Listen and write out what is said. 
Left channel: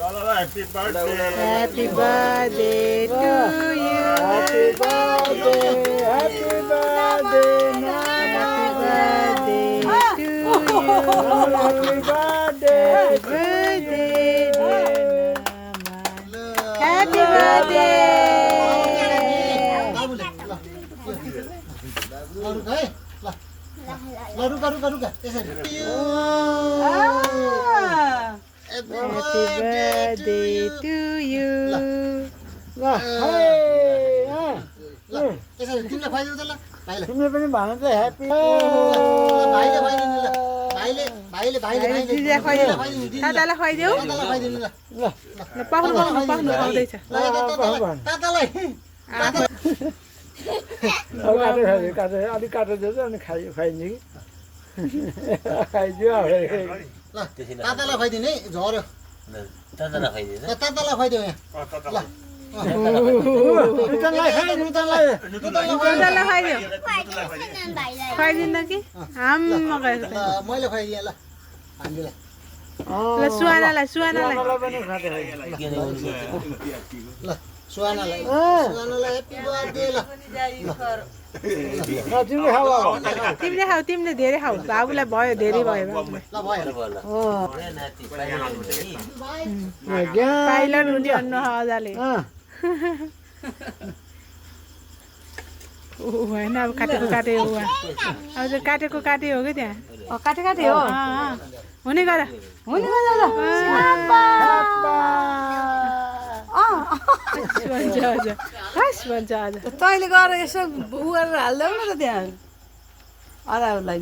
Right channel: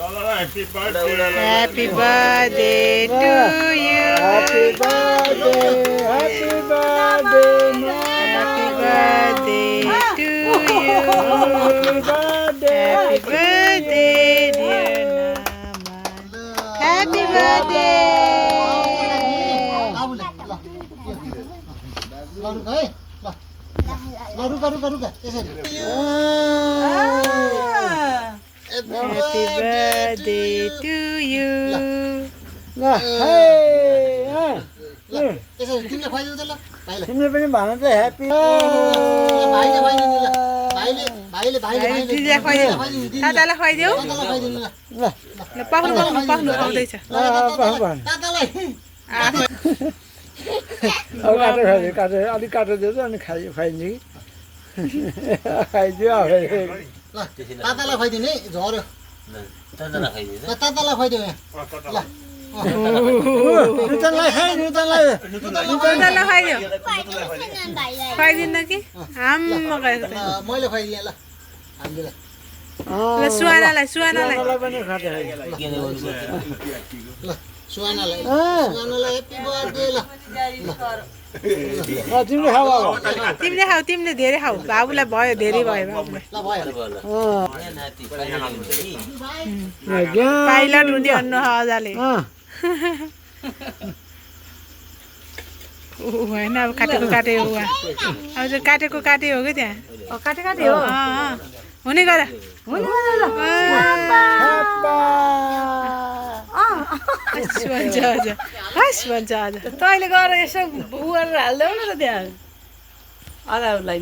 Happy birthday. Happy birthday to you. Happy birthday. Happy birthday. Happy birthday to you. Happy birthday, dear Nama. Happy birthday. Happy birthday to you. तिमीले पनि भन त happy दिदीलाई खुवाइदेऊ दादालाई खुवाइदेऊ ल पाउनु पाउनु पाउनु पाउँदैछ काटेर अलिक काटेर दिएछ अनि खुवाइदिन्छ कि खाइदियो तातालाई खुवाइदिने झऱ्यो तातालाई खुवाइदियो ल नुतनलाई दादालाई खुवाइदेऊ खुवाइदिन्न कि आम्मा गएको त मैले खुवाइदिएँ ल हामीलाई ल सुहानालाई सुहानालाई पनि खाँदै ल सुहानालाई ह्याप्पी बर्थडे ल तिमीले खाऊ तिमीले खाऊ तिमीले धेरै खाऊ बाबुलाई भयो धेरै भयो बाबुलाई ल भयो पाइलट हुने अन्नु हजाले होइन अब काटेको काटे हो अब त्यो काटेको काटे हो कि त्यहाँ काटे काटे हो हुने गर भन्छ हजुर हस् भन्छ हजुर तैँले गएर यसो उ गरेर हाल्देऊ न त त्यहाँ अगाउलाई